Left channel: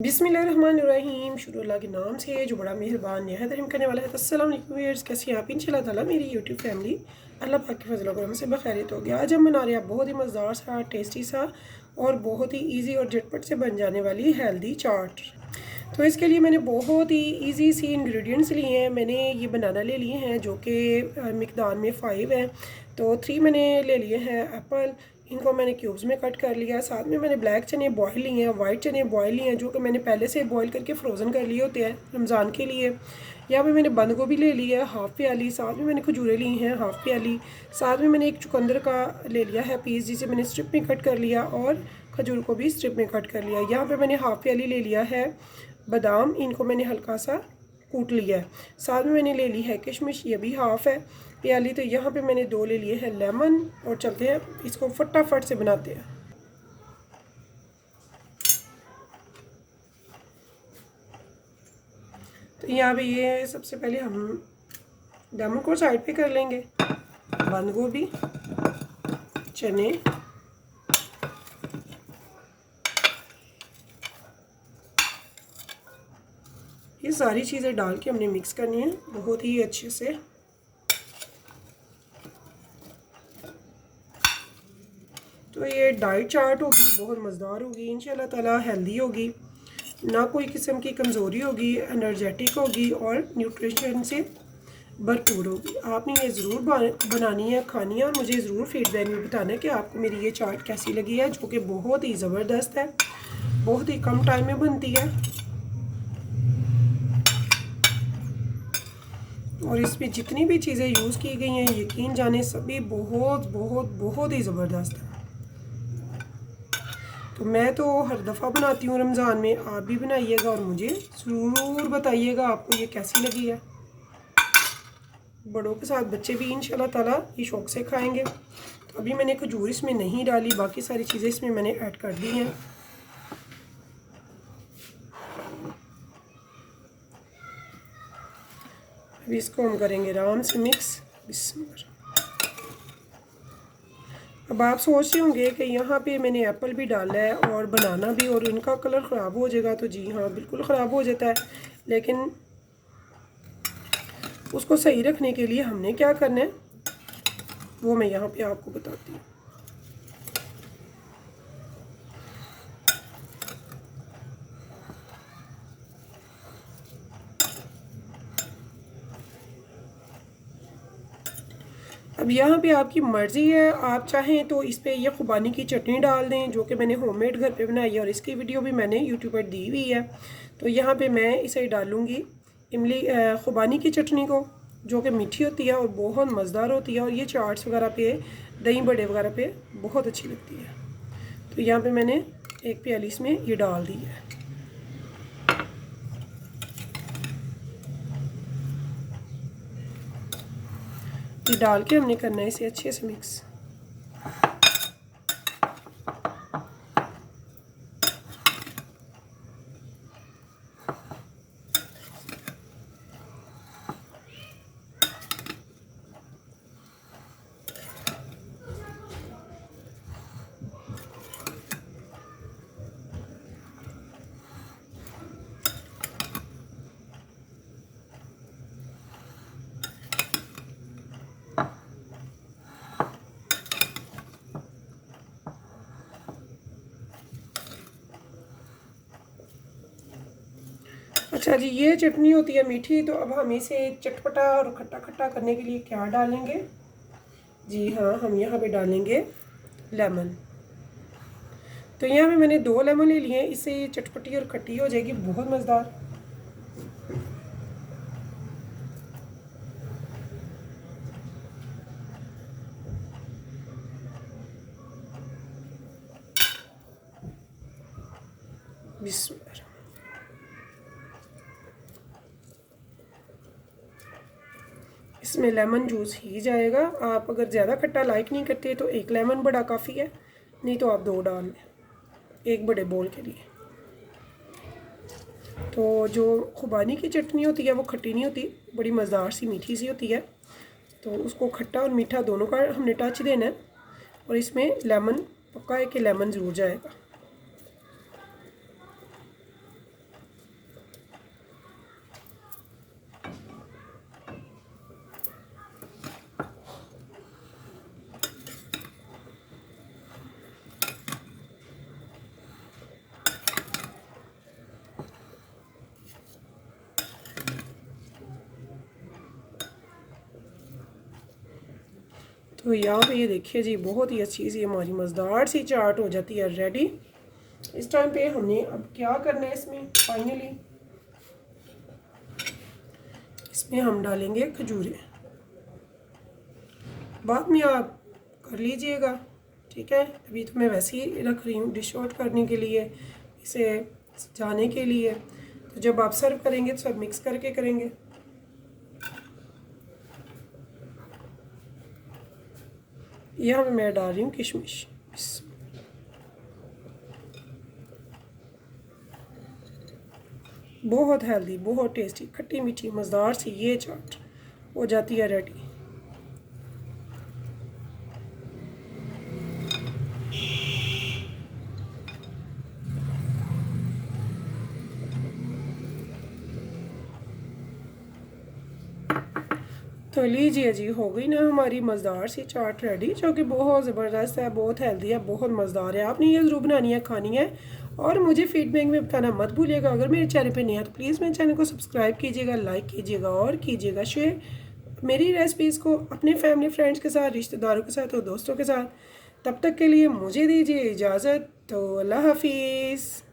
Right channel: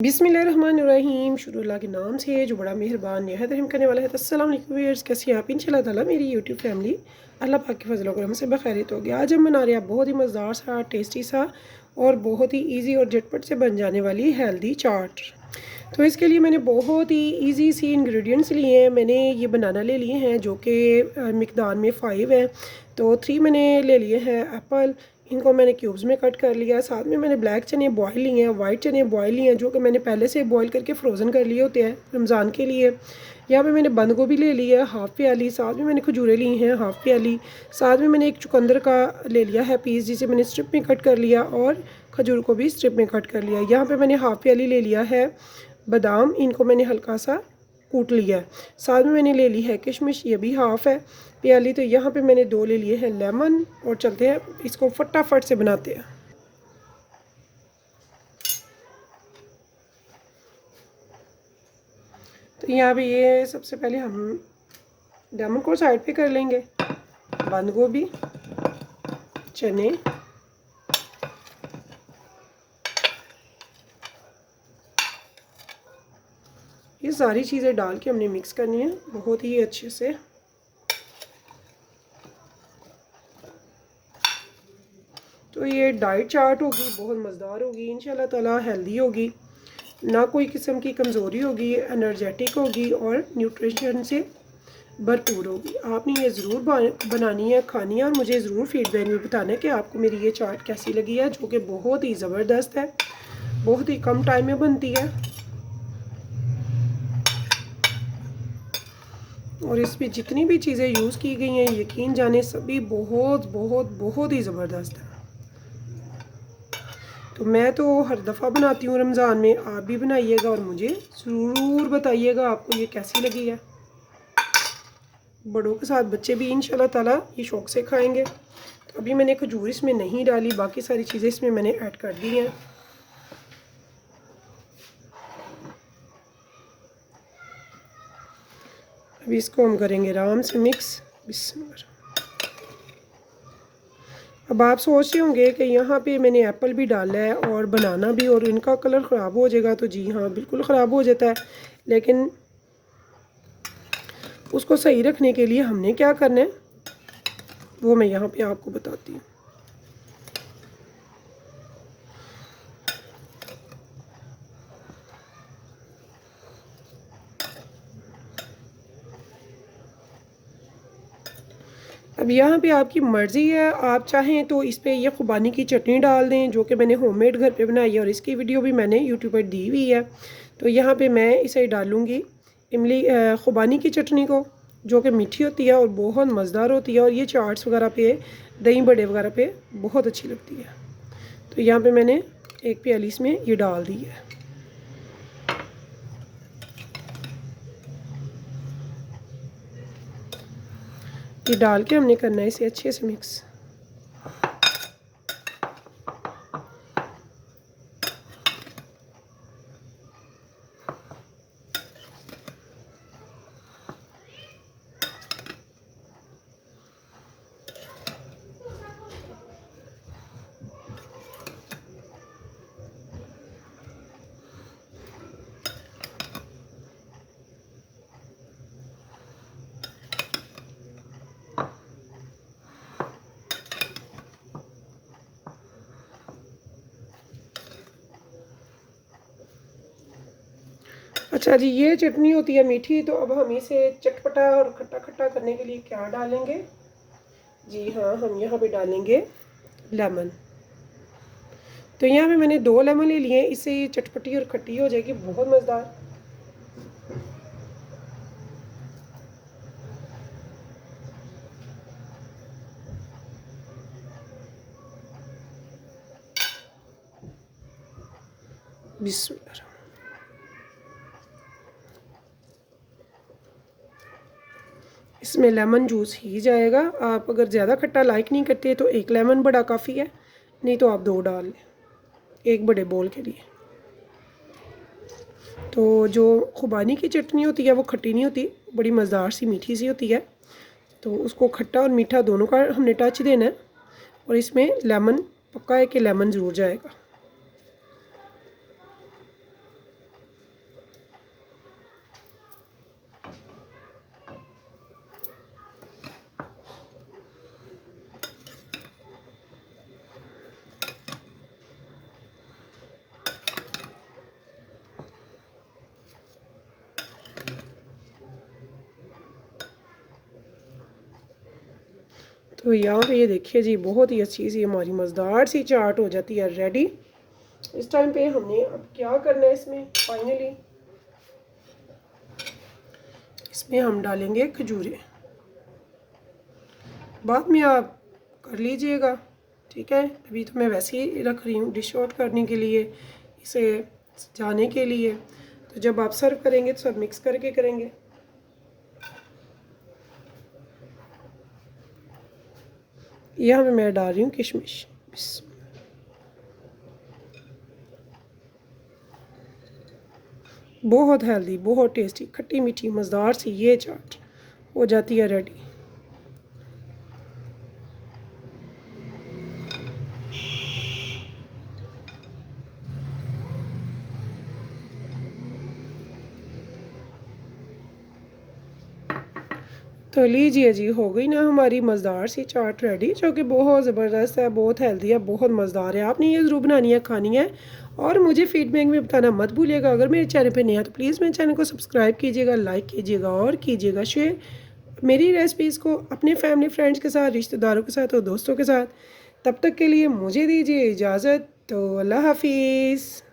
बिस्मिल्लाहिर्रहमानिर्रहीम। शुरू अल्लाह के नाम से जो बड़ा मेहरबान नहायत रहम करने वाला है। अस्सलाम वालेकुम व्यूअर्स, कैसी हैं आप? इंशाल्लाह ताला मेरी यूट्यूब फैमिली अल्लाह पाक के फजल करम से बखैरियत होगी। आज हम बना रहे हैं बहुत ही मज़ेदार सा, टेस्टी सा और बहुत ही इजी और झटपट से बन जाने वाली हेल्दी चाट। तो इसके लिए मैंने बहुत ही इजी सी इंग्रेडिएंट्स लिए हैं। मैंने ये बनाना ले लिए हैं जो कि मिकदार में 5 हैं। तो 3 मैंने ले लिए हैं एप्पल, इनको मैंने क्यूब्स में कट कर लिया। साथ में मैंने ब्लैक चने बॉयल लिए हैं, वाइट चने बॉयल लिए हैं जो कि मैंने पहले से बॉयल करके फ्रोज़न कर लिए होते हैं रमज़ान के लिए। यहाँ पे मैंने बंद गोभी ले ली है हाफ़ प्याली, साथ में मैंने खजूरें ली हैं हाफ़ प्याली, साथ में मैंने एक चुकंदर का ले लिया है पीस जिसे मैंने स्ट्रिप में कट कर लिया और खजूर को भी स्ट्रिप में कट कर लिया। यहाँ पे मैंने हाफ़ प्याली ले लिया है बादाम, इनको मैंने हल्का सा कूट लिया है। साथ में मैंने ले ली है किशमिश, ये भी हाफ़ है प्याली। तो यहाँ पे मैंने 2 ले लिए हैं लेमन और चलते हैं इसको फटाफट से बनाते हैं। तो यहाँ पे ये सबसे पहले हम लेमन को साइड पे कर लेंगे। बंद गोभी, चने, ये सारी चीज़ें डाल के हमने मिक्स करनी है बहुत ही अच्छे से। तो ये डाइट चाट होगी, बहुत मज़ेदार होगी इंशाल्लाह ताला, हेल्दी होगी, ना कोई किस्म की कमज़ोरी होगी, एनर्जेटिक होगी और न्यूट्रिशन से भरपूर होगी। आपने ये ज़रूर बनानी है, खानी है और मुझे ज़रूर फीडबैक में बताना है कि आपको मेरी ये चाट कैसी लगी है, जो कि बहुत ही ज़बरदस्त है, बहुत ही कम टाइम में बनती है और इसमें जितनी भी चीज़ें यूज़ की गई हैं यकीन जाने सभी बहुत बहुत बहुत ही ज़बरदस्त है। तो मैं तो हर दफ़ा बनाती हूँ रमज़ान में, आप भी बनाइएगा और मुझे ज़रूर बताइएगा आपको ये कैसी लगी है। बड़ों के साथ बच्चे भी इंशाल्लाह ताला ये शौक़ से खाएंगे। तो अभी मैंने खजूर इसमें नहीं डाली, बाकी सारी चीज़ें इसमें मैंने ऐड कर दी हैं। अभी इसको हम करेंगे आराम से मिक्स। बिस्मिल्लाह। अब आप सोच रहे होंगे कि यहाँ पे मैंने एप्पल भी डाला है और बनाना भी, और इनका कलर ख़राब हो जाएगा। तो जी हाँ, बिल्कुल ख़राब हो जाता है, लेकिन उसको सही रखने के लिए हमने क्या करना है वो मैं यहाँ पे आपको बताती हूँ। अब यहाँ पे आपकी मर्ज़ी है, आप चाहें तो इस पर यह खुबानी की चटनी डाल दें जो कि मैंने होममेड घर पे बनाई है और इसकी वीडियो भी मैंने यूट्यूब पर दी हुई है। तो यहाँ पे मैं इसे डालूँगी इमली खुबानी की चटनी को, जो कि मीठी होती है और बहुत मज़ेदार होती है और ये चाट्स वगैरह पे, दही बड़े वगैरह पे बहुत अच्छी लगती है। तो यहाँ पे मैंने एक प्याली इसमें ये डाल दी है। ये डाल के हमने करना है इसे अच्छे से मिक्स। अच्छा जी, ये चटनी होती है मीठी। तो अब हम इसे चटपटा और खट्टा खट्टा करने के लिए क्या डालेंगे? जी हाँ, हम यहाँ पे डालेंगे लेमन। तो यहाँ पे मैंने 2 लेमन ले लिए हैं, इससे ये चटपटी और खट्टी हो जाएगी, बहुत मज़ेदार। बिस्मिल्लाह। इसमें लेमन जूस ही जाएगा। आप अगर ज़्यादा खट्टा लाइक नहीं करते तो 1 लेमन बड़ा काफ़ी है, नहीं तो आप 2 डाल लें एक बड़े बोल के लिए। तो जो खुबानी की चटनी होती है वो खट्टी नहीं होती, बड़ी मज़ेदार सी मीठी सी होती है। तो उसको खट्टा और मीठा दोनों का हमने टच देना है और इसमें लेमन पक्का है कि लेमन ज़रूर जाएगा। तो यहाँ पे ये देखिए जी, बहुत ही अच्छी सी हमारी मज़ेदार सी चाट हो जाती है रेडी। इस टाइम पे हमने अब क्या करना है, इसमें फाइनली इसमें हम डालेंगे खजूरें। बाद में आप कर लीजिएगा, ठीक है। अभी तो मैं वैसे ही रख रही हूँ डिश आउट करने के लिए, इसे जाने के लिए। तो जब आप सर्व करेंगे तो सब मिक्स करके करेंगे। यहाँ पे मैं डाल रही हूँ किशमिश। बहुत हेल्दी, बहुत टेस्टी, खट्टी मीठी मज़ेदार सी ये चाट हो जाती है रेडी। तो लीजिए जी, हो गई ना हमारी मज़ेदार सी चाट रेडी, जो कि बहुत ज़बरदस्त है, बहुत हेल्दी है, बहुत मज़ेदार है। आपने ये ज़रूर बनानी है, खानी है। और मुझे फीडबैक में बताना मत भूलिएगा। अगर मेरे चैनल पे नया है तो प्लीज़ मेरे चैनल को सब्सक्राइब कीजिएगा, लाइक कीजिएगा और कीजिएगा शेयर मेरी रेसिपीज़ को अपने फैमिली फ्रेंड्स के साथ, रिश्तेदारों के साथ और दोस्तों के साथ। तब तक के लिए मुझे दीजिए इजाज़त। तो अल्लाह हाफिज़।